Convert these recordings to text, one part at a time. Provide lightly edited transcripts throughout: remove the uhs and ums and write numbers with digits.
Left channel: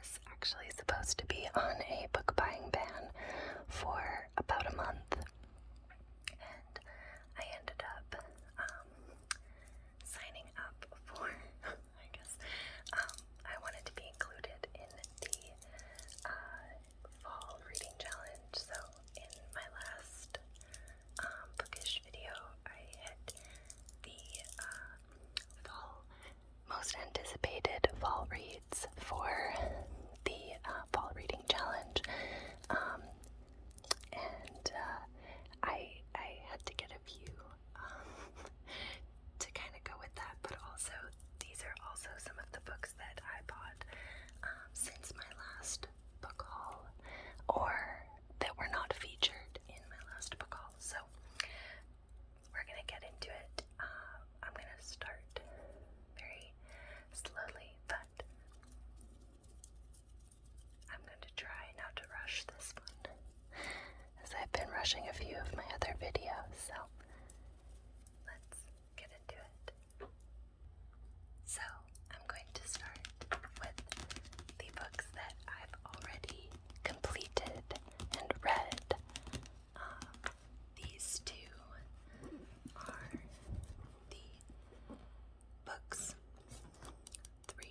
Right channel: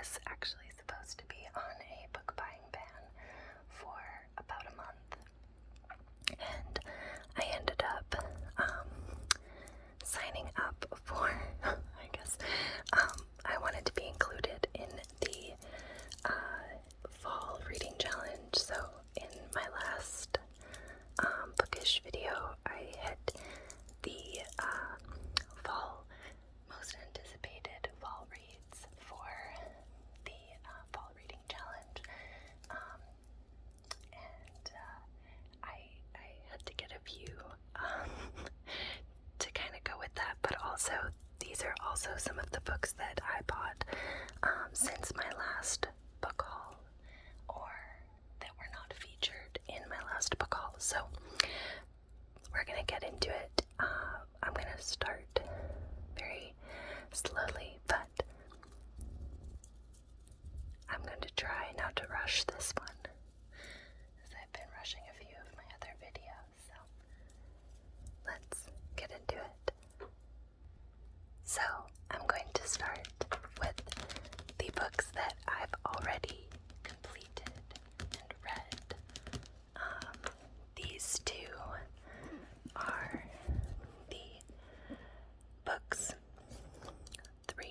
was actually supposed to be on a book buying ban for about a month, and I ended up signing up for, I guess, I wanted to be included in the fall reading challenge. So in my last bookish video, I hit the fall most anticipated fall reads for the fall reading challenge, and I had to get a few to kind of go with that, but also these are also some of the books that I bought since my last book haul, or that were not featured in my last book haul. So we're gonna get into it. I'm gonna start very slowly, but I'm going to try not to rush this one, as I've been rushing a few of my other videos. So let's get into it. So I'm going to start with the books that I've already completed and read. These two are the books 3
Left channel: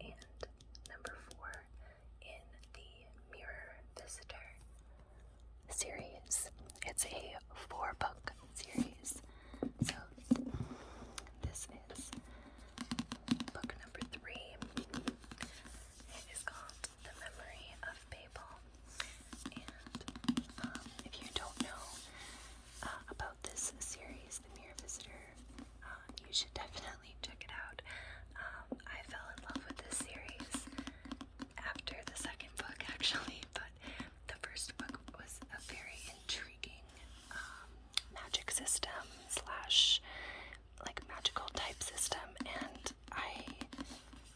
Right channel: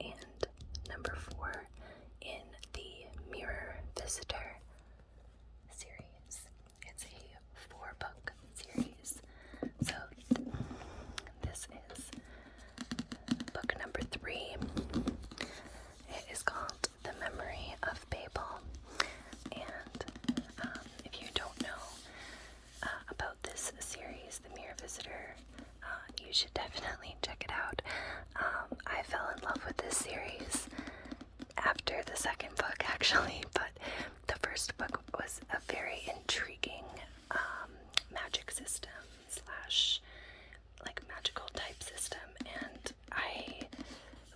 and number 4 in the Mirror Visitor series. It's a 4-book series. So this is book number 3. It is called The Memory of Babel. And if you don't know about this series, The Mirror Visitor, you should definitely check it out. I fell in love with this series after the second book, actually, but the first book was a very intriguing magic system slash like magical type system, and I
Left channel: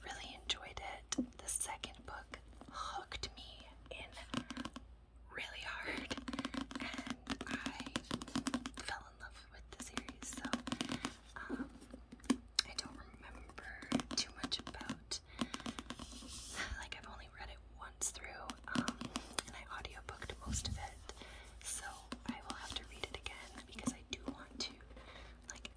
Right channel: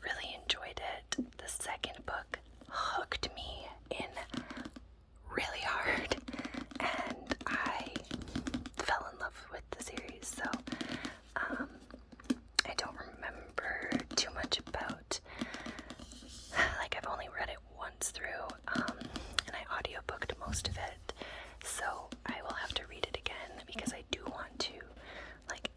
really enjoyed it. The second book hooked me in really hard, and I fell in love with the series. So I don't remember too much about, like, I've only read it once through, and I audiobooked most of it, so I will have to read it again because I do want to, like,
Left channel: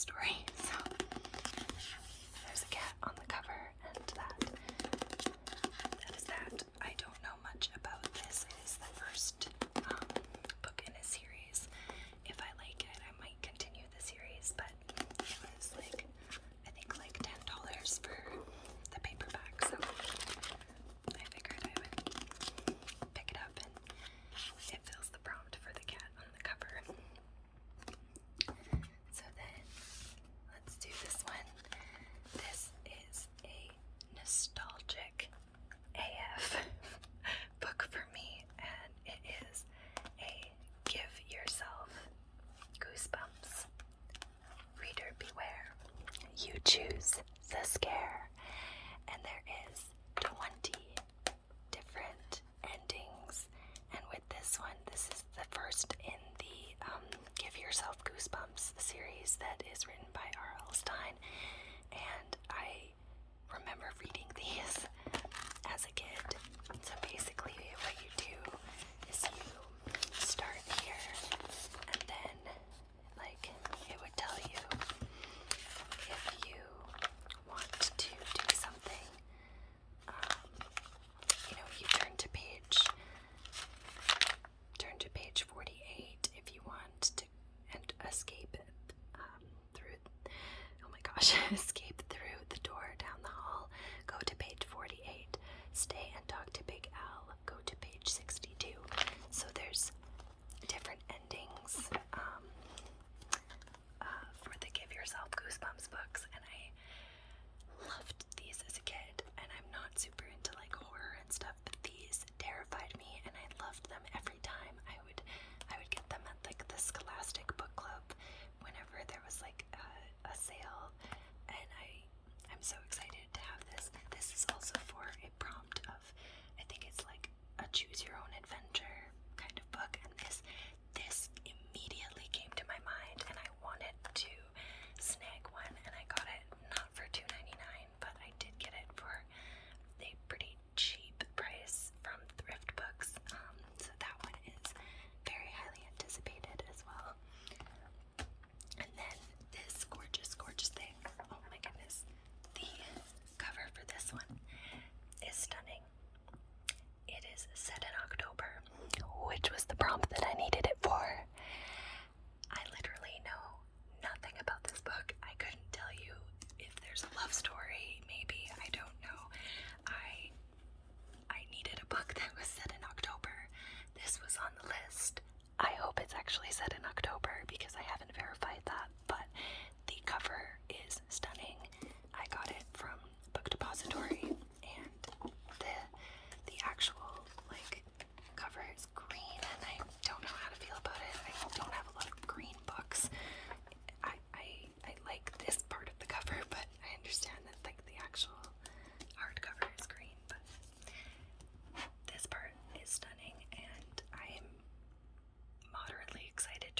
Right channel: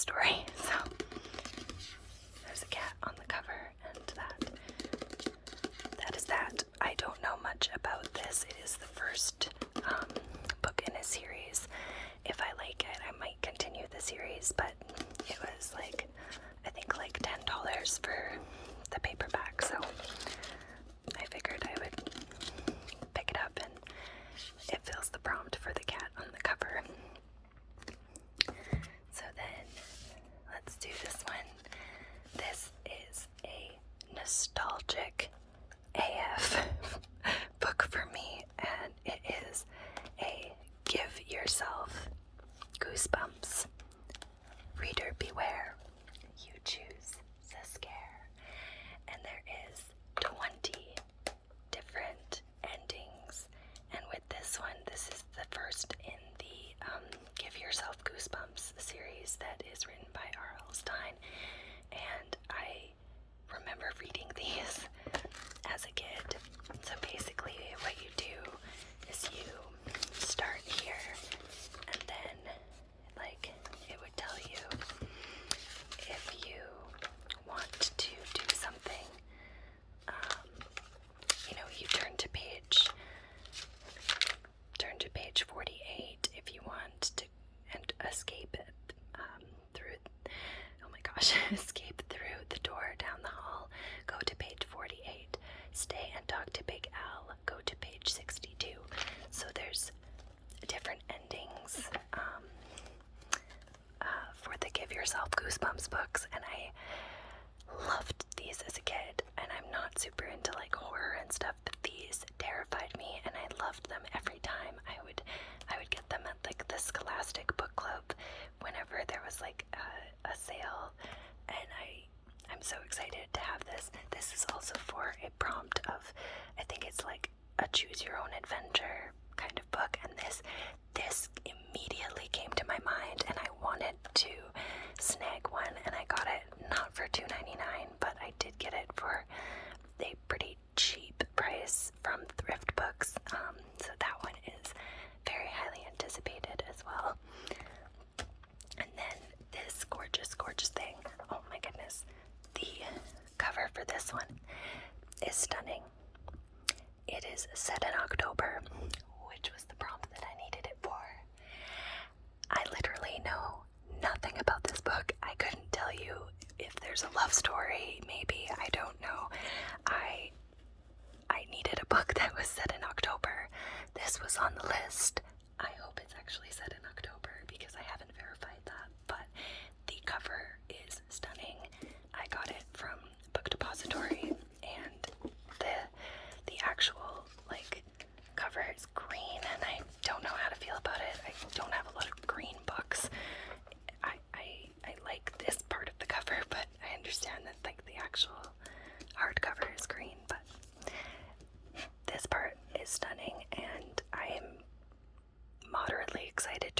cat story. So there's a cat on the cover, and that is that. I don't know much about this. It is the first book in a series. If I like it, I might continue the series, but it was like, I think like $10 for the paperback, so I figured I would pick it up, and it fills the prompt for the cat on the cover. So then, let's do this one. This is a nostalgic AF book for me, and it is a Give Yourself Goosebumps. Reader beware, you choose the scare. And there is 20 different endings. And with this one, this is the first in the Give Yourself Goosebumps series that is written by R.L. Stine. And I remember reading these as a kid. So basically what you do is you start here, and then like it would tell you if you want to do something. You turn to page 48 if you want to and escape it through. Oh my gosh! Escape through the door down the hall. Go to page 48. Stay and talk to Big Al. Go to page 62. So there's different endings for the Give Yourself Goosebumps books, and I loved these as a kid. And I'm not super into like horror and stuff, but these terrified me, and I loved them every time. I would get them at like the Scholastic Book Club whenever there was like a sale, and I'm so excited to have this. This is also for a prompt of, I think it's like a choose your own adventure kind of book, and this immediately came to my mind, and I wanted to snag one, and I got it not for $2.99, but I did get it for a pretty cheap price from Thrift Books. So that one is very highly anticipated as well. And then this gorgeous, gorgeous thing. Oh my goodness. The cover for this one is stunning. It is set in October, which was the prompt that I needed it for. I literally know nothing about this book. I couldn't tell you if there's a love story, maybe. I don't know. I needed a book that was set in October. This was on the list. I hope it's actually set in October because I haven't verified that, but the cover is stunning. I got it from Book Depository, and the actual like cover is green, and I don't know how to feel about it. I don't have a lot of green books. I like this part of the cover, but I understand that like the actual hardcover is green, but this part is stunning, and I am moderately excited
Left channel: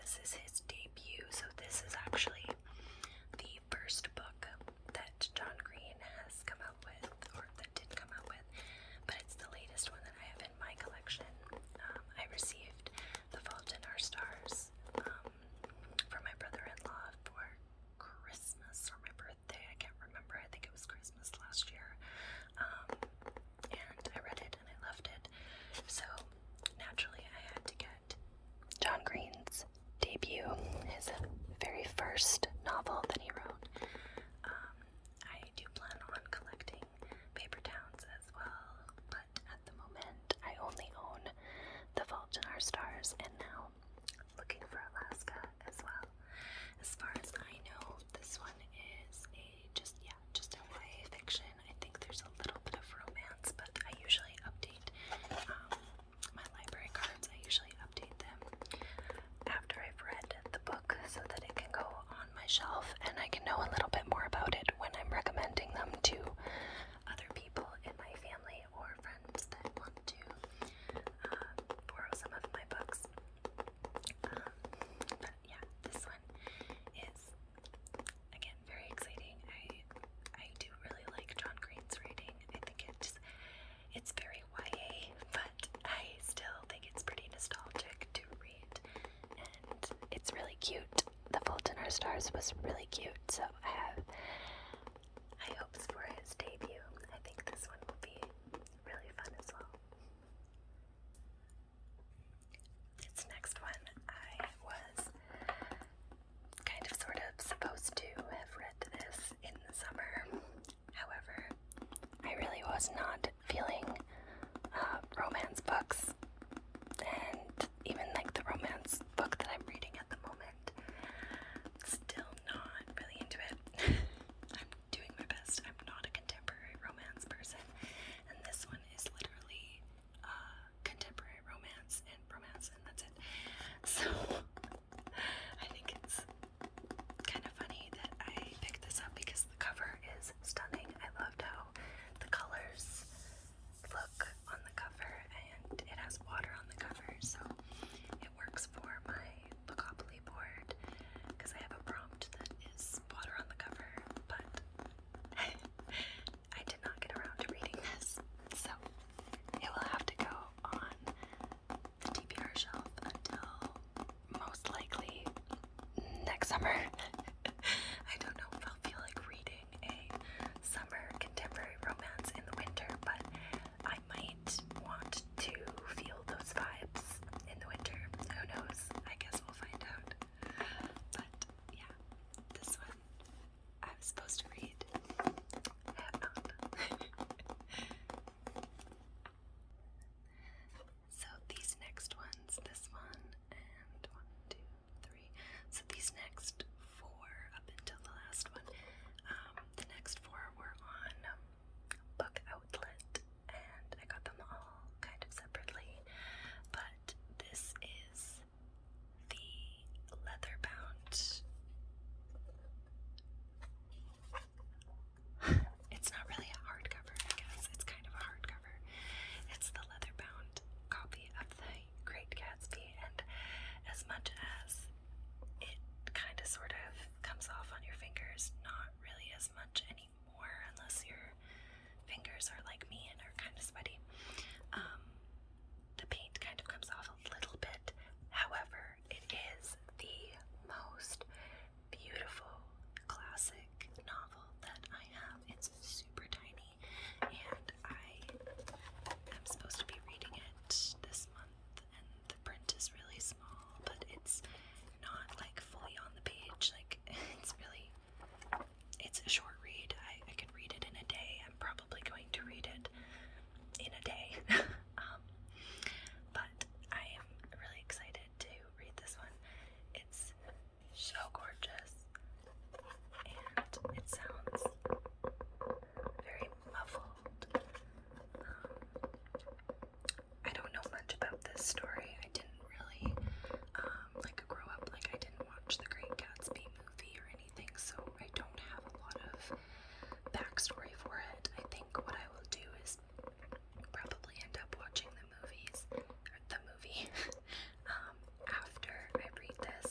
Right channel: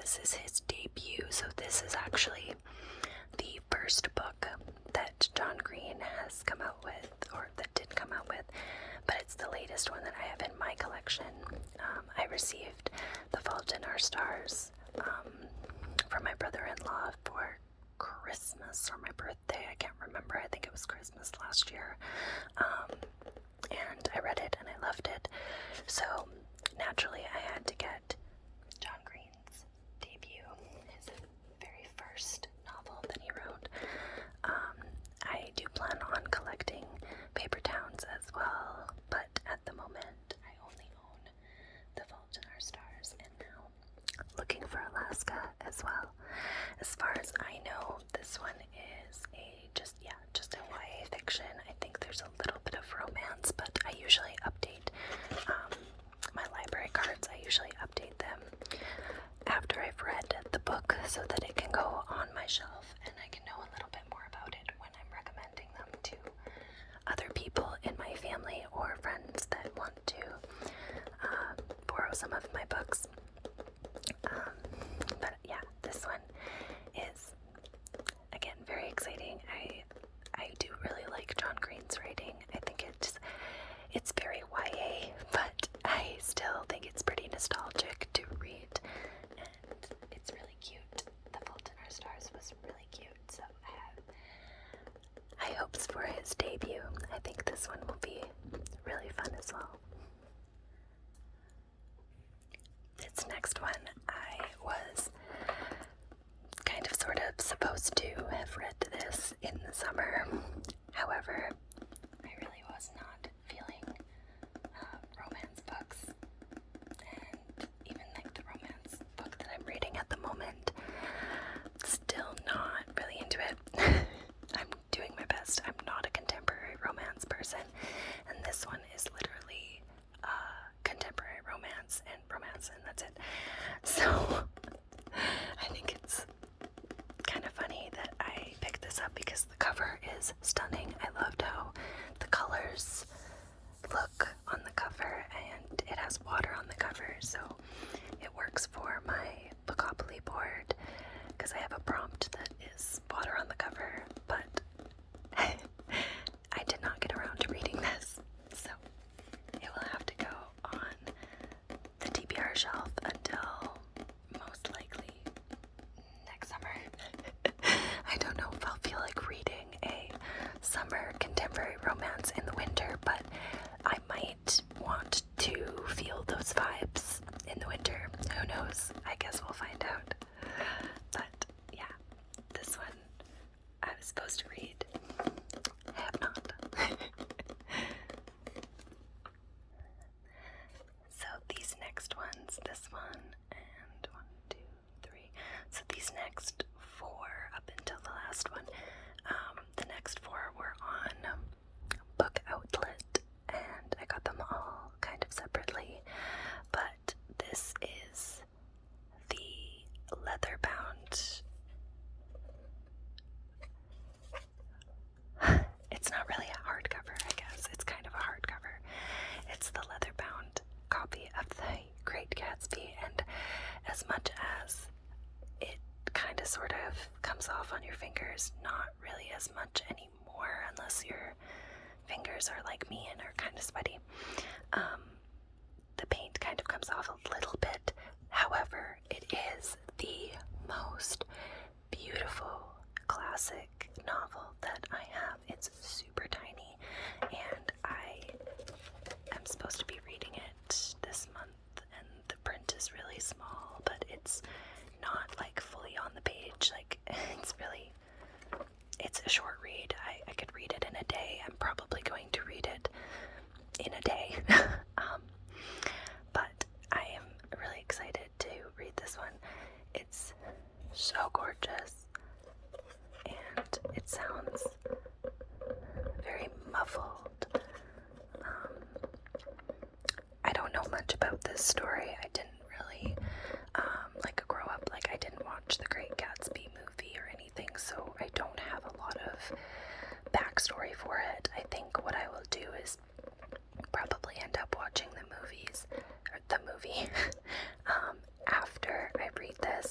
This is his debut, so this is actually the first book that John Green has come out with, or that did come out with, but it's the latest one that I have in my collection. I received The Fault in Our Stars from my brother-in-law for Christmas or my birthday. I can't remember. I think it was Christmas last year. And I read it and I loved it. So naturally I had to get John Green's debut, his very first novel that he wrote. I do plan on collecting Paper Towns as well, but at the moment I only own The Fault in Our Stars, and now looking for Alaska as well. As far as I know, this one is just a YA fiction. I think there's a little bit of romance, but I usually update my library cards. I usually update them after I've read the book so that it can go on my shelf and I can know a little bit more about it when I'm recommending them to other people in my family or friends that want to borrow some of my books. But yeah, this one is, again, very exciting. I do really like John Green's writing. I think it's very YA, but I still think it's pretty nostalgic to read, and it's really cute. The Fault in Our Stars was really cute, so I have high hopes for his debut. I think this one will be really fun as well. This next one, I was kind of sort of supposed to have read this in the summer. However, I really was not feeling romance books, and even like the romance book that I'm reading at the moment, still not really into it. I'm doing my best. I'm not a contemporary romance person, and this one is literally contemporary romance, and that's it. So I think it's kind of funny that I picked this up because the cover is stunning. I loved how the colors look on the cover, and it has water on the cover, so it works for my Bookopoly board because I have a prompt that is water on the cover, but I did not get around to reading this, so it will have to go on the TBR shelf until most likely next summer. I don't know if I'll feel like reading a summer contemporary romance in the winter, but I might want to feel those vibes in the winter. Who knows? I guess we'll find out. But yeah, this one I was supposed to read. I have not. So these next ones, this one, and 1, 2, 3. So these next 4 up until the last one, the next 4 were on Book Outlet, and I got them all kind of separately, but this is the leather-bound. It's not really a hardcover, I guess. It's kind of a hardcover. It's the leather-bound copy of The Great Gatsby, and as much as it kind of sort of comes off on your fingers, not really as much anymore unless your fingers are like me and are kind of sweaty. The paint kind of comes off a little bit. However, it is the most beautiful classic novel that I have. It's super tiny, and I am supposed to be reading it this month, and the print is really small, but it's not like fully on the page. Like, it's a short read. I could read it in a day. I'm probably going to read it in a day. But I am really excited to read this one. It's so gorgeous, and it sounds very muffled. I don't know much about this story. I didn't really grow up. Like, I didn't watch The Great Gatsby movie or anything, so I don't have a lot of backstory for it. I think what I will do is probably end up watching the movie after I read this,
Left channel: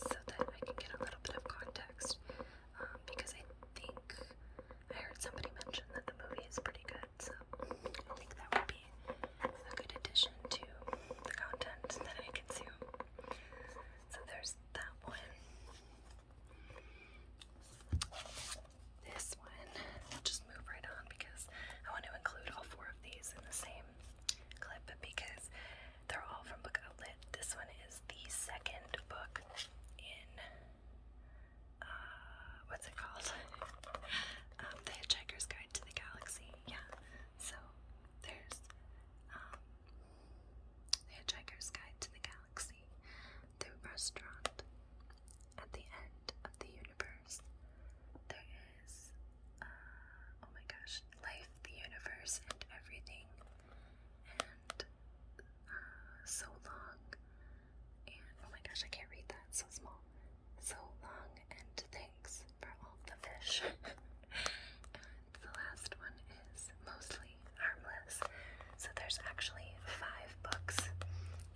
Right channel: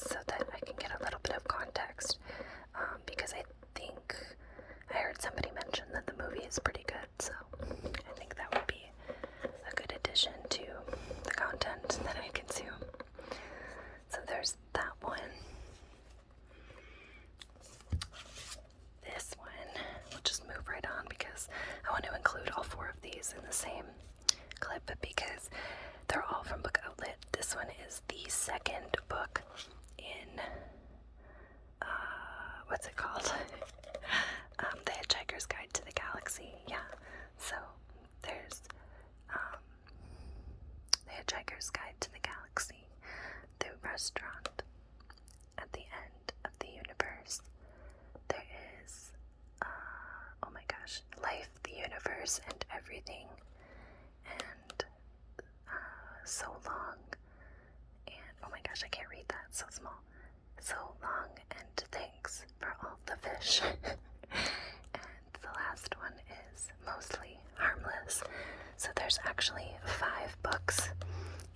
the end of the universe. There is, oh my gosh, life, the universe, and everything. And so long. And oh my gosh, I can't read that, so small. So long, and thanks for all the fish. And the last one is mostly harmless. So there's actually 5 books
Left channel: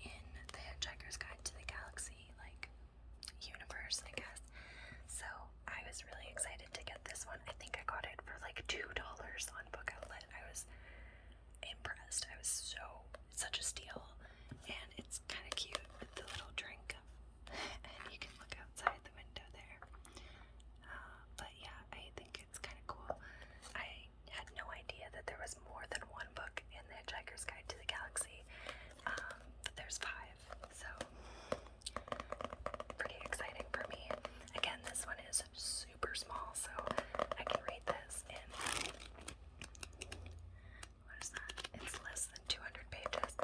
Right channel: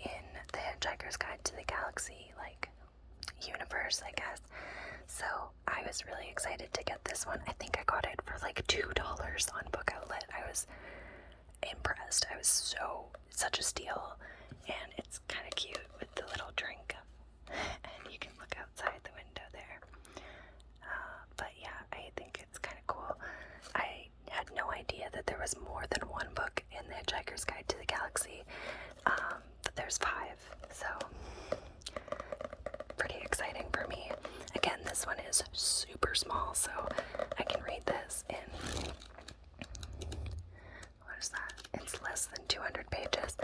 in the Hitchhiker's Guide to the Galaxy, like, universe, I guess. So I was really excited to get this one. I think I got it for like $2 on Book Outlet. I was impressed. I was such a steal. And it's kind of cute with the little drink. And you can look outside the window there. But yeah, I think it's kind of cool. I had no idea that there was more than one book in the Hitchhiker's Guide to the Galaxy. But there's 5, so pretty exciting for me. Again, this one is super small, so I can read this in, what is that? It's less than 200 pages.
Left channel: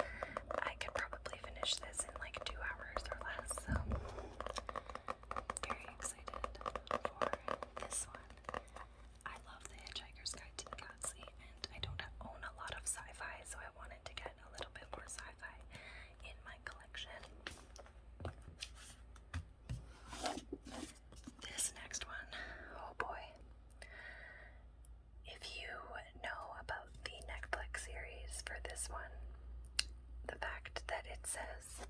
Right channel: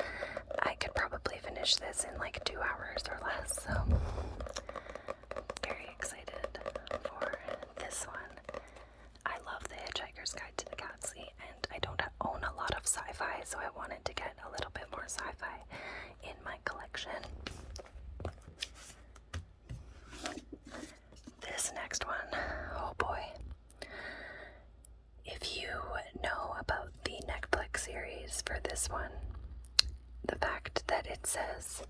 I could probably finish this in like 2 hours or less, so very excited for this one. I love the Hitchhiker's Guide to the Galaxy, and I don't own a lot of sci-fi, so I wanted to get a little bit more sci-fi in my collection. This next one, oh boy. If you know about the Netflix series for this one, the fact that it says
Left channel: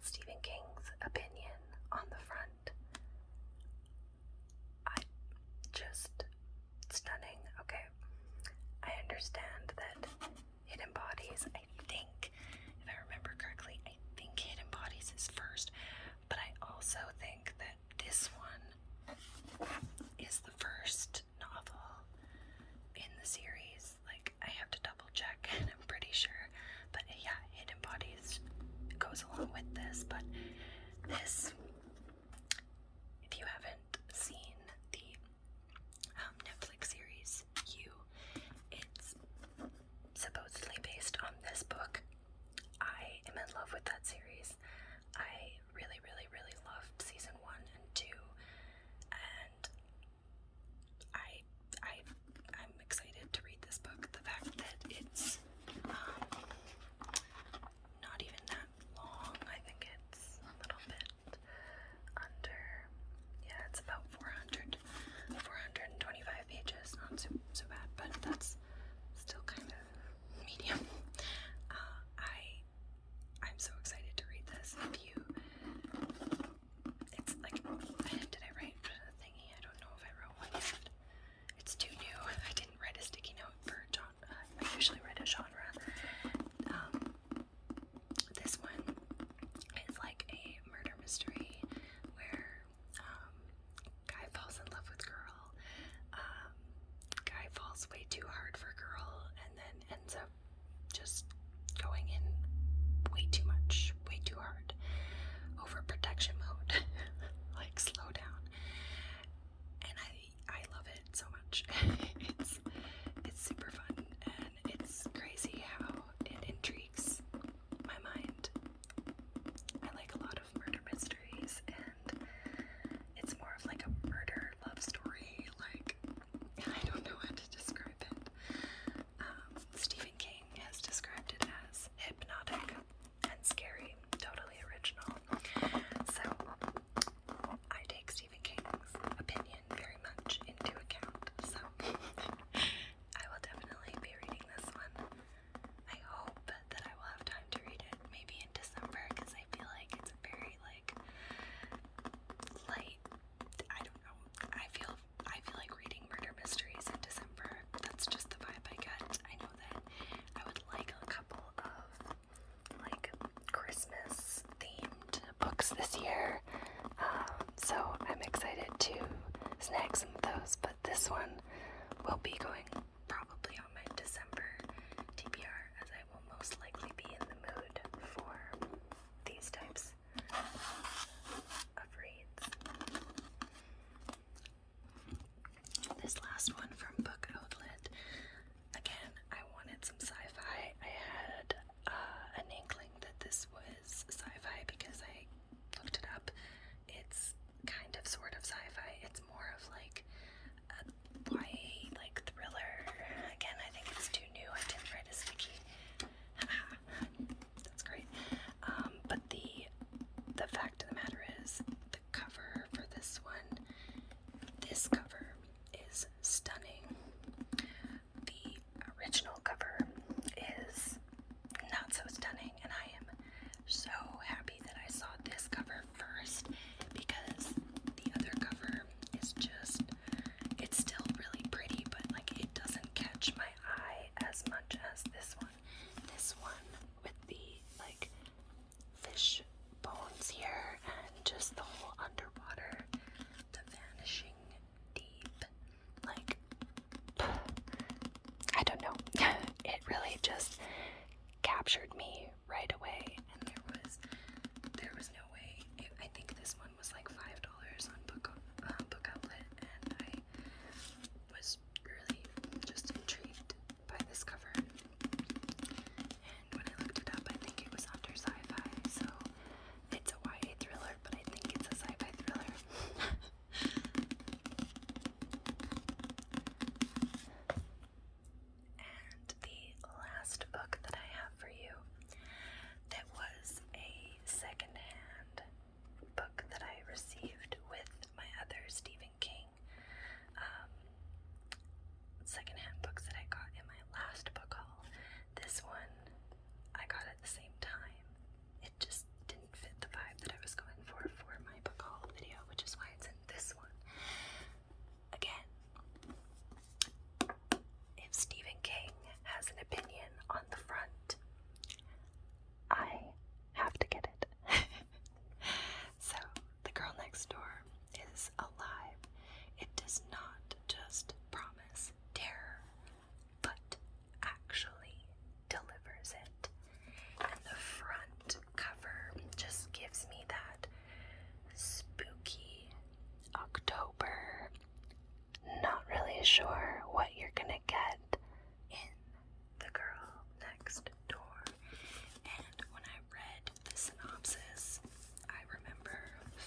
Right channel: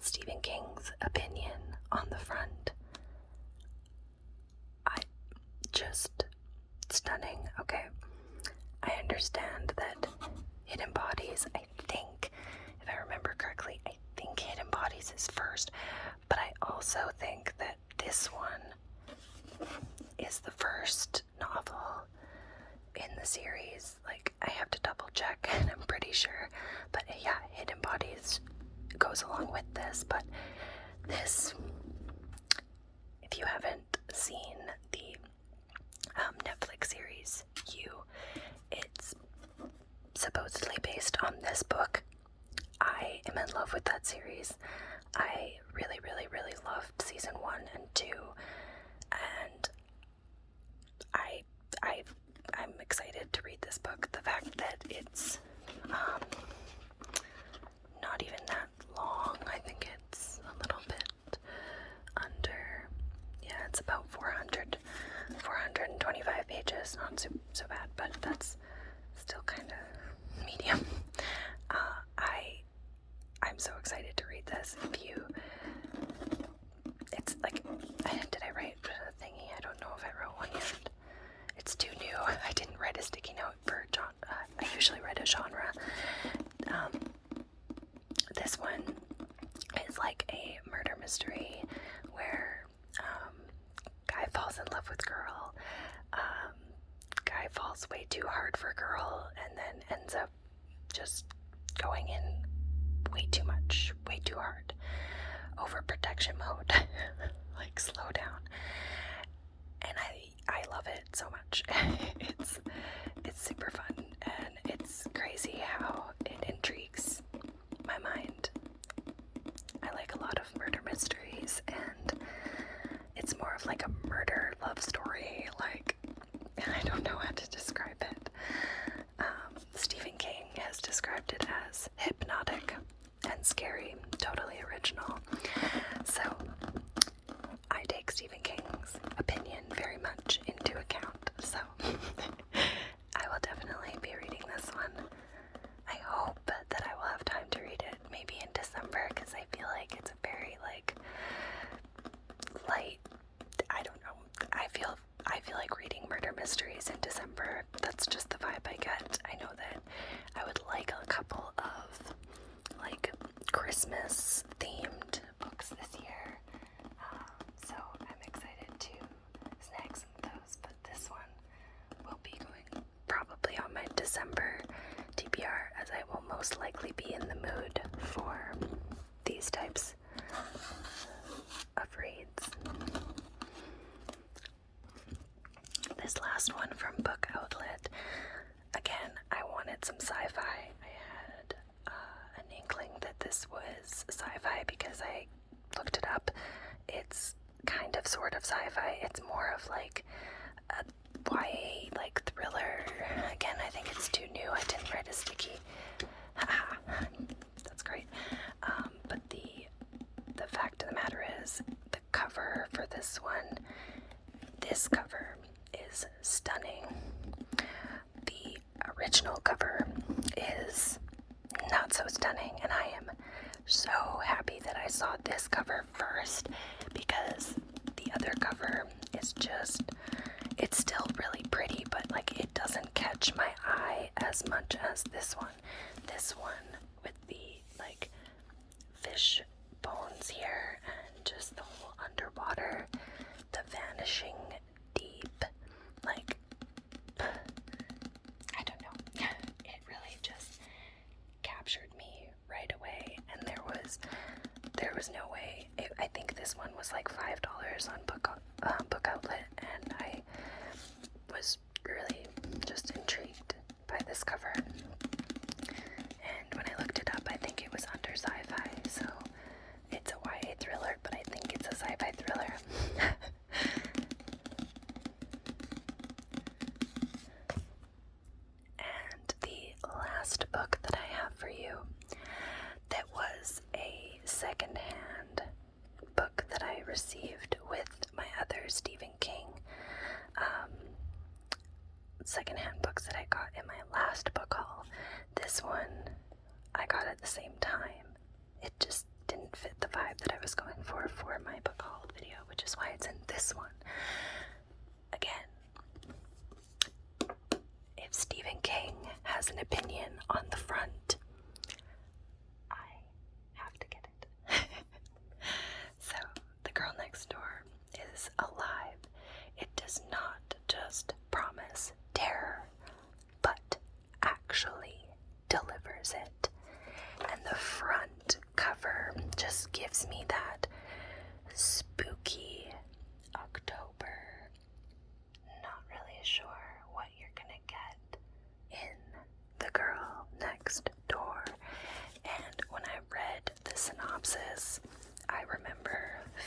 Stephen King's opinion on the front, just stunning. Okay, I understand that it embodies, I think, if I remember correctly, I think it embodies his first, but I also think that this one is the first novel in the series. Like, I have to double check, and I'm pretty sure, but yeah, it embodies, goes along with this. But this, if you haven't seen the Netflix series, it's supposedly based on this book. I am in love with that series. I really, really, really loved season 1 and 2, and I'm excited to read this book. The fact that it's not even that long, I think it's a little bit under, yeah, it's about 425 pages, not so bad, but that's still kind of medium. I'm so excited to read this. It's like, did I write a thingy? I don't know if I wrote one yet. It's too new. I didn't write a sticky note for I usually write a genre. This one is like a murder mystery where guy falls in love with girl. Guy falls way too hard for girl and then ends up just going in way too much, way too hard. Overprotection mode. Like, slow down. And I love it so much. It's super fun, and it's crazy how it intrigues my mind. I like a lot of murder mysteries, and it's more of like a murder love story. Like, I don't know how to describe it. Stephen King has described it as hypnotic and scary, totally original. So I take Stephen King's opinion very much into account. So I will definitely be reading this one. I hope that I will have time to read it maybe in December, because I feel like it's a very like light, I don't know, I feel like reading murder mysteries in December. That's just the vibe I get. I know that I would like a couple of like Christmas themed books this year, so I'm excited to snag some of those, but this one will be going probably on my December TBR, as I will most likely be in the mood for these types of reads. This last one from Book Outlet, again, I wanted some sci-fi. I had an inkling that this was sci-fi because I looked it up. It's sort of sci-fi. It's more of like a YA like thriller. Again, I think it's too new. I didn't write a sticky. That's great. But the fact of the matter is, the cover for this cover is stunning. The original cover is not so stunning, and I am so happy that I saw this cover first, because the other cover is just, it's still really pretty, but like it doesn't catch my eye as much as this one. This one with the like fish bones here and just the whole underwater, the vanishing deep, like, I don't know. It really just captured me right away, and there was no way. I think this one was like $5 on Book Outlet, and I was really just intrigued by this cover. And when I looked it up, I think it was under sci-fi, so it's a YA thriller, but I think it's a sci-fi thriller. And the last book that I have for you, that was a secondhand book that I received with my other Stephen King secondhand books that I got in my last book haul. This one I got at the same time. It just didn't fit the vibe that I was going for my book haul video, which is why it's in this one. Again, if Stephen King has an opinion on the front, I have to get it. So, The Girl Next Door is alive. It does not just promise terror, but actually delivers it. And the front cover just gives me that spooky October, not really sure what you're gonna get in The Girl Next Door. And when I read the synopsis, I remember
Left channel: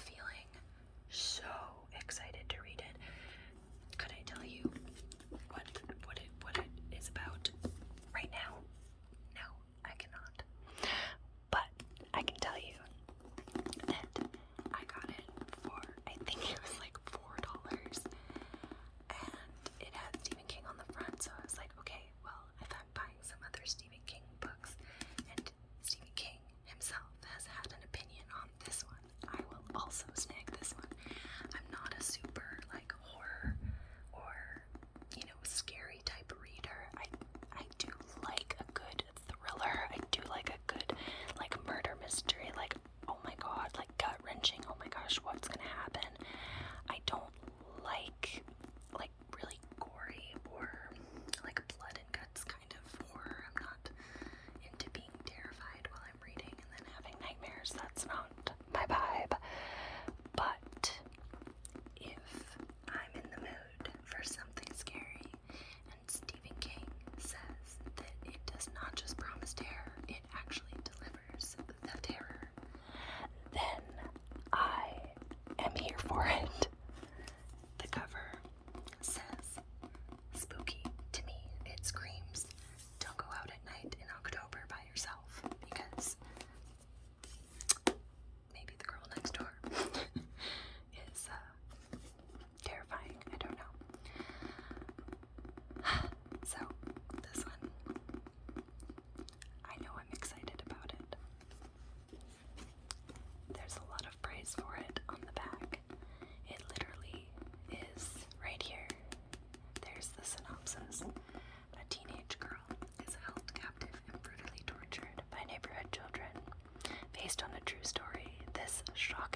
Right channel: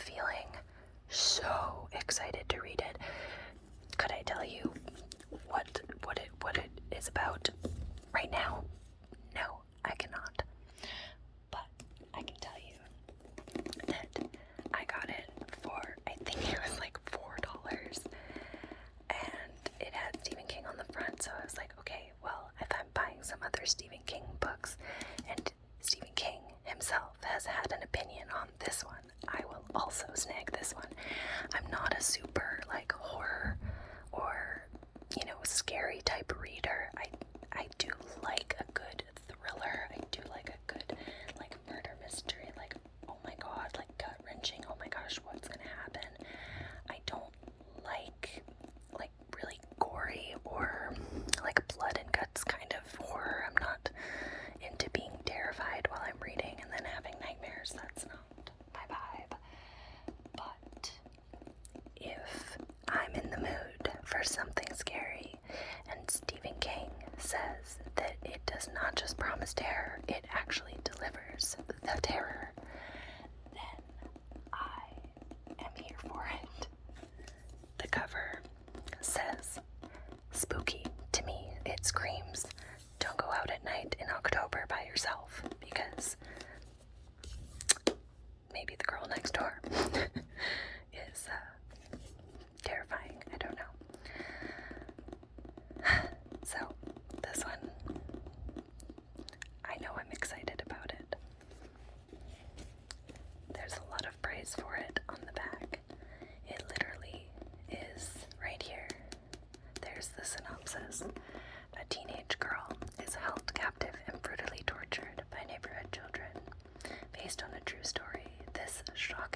feeling so excited to read it. Could I tell you what it is about right now? No, I cannot. But I can tell you that I got it for, I think it was like $4, and it had Stephen King on the front, so I was like, okay, well, if I'm buying some other Stephen King books, and Stephen King himself has had an opinion on this one, I will also snag this one. I'm not a super like horror or, you know, scary type reader. I do like a good thriller. I do like a good like murder mystery, like, oh my god, like gut wrenching, oh my gosh, what's gonna happen. I don't like really gory or like blood and guts kind of horror. I'm not into being terrified while I'm reading and then having nightmares. That's not my vibe. But if I'm in the mood for something scary, and Stephen King says that it does not just promise terror, it actually delivers the terror, then I am here for it. The cover says spooky to me. It screams, don't go out at night in October by yourself, because maybe the girl next door is terrifying. I don't know. So, this one, I know I'm excited about it. There's a lot of praise for it on the back. It literally is right here. There's the synopsis. A teenage girl is held captive and brutally tortured by neighborhood children. Based on a true story, this shock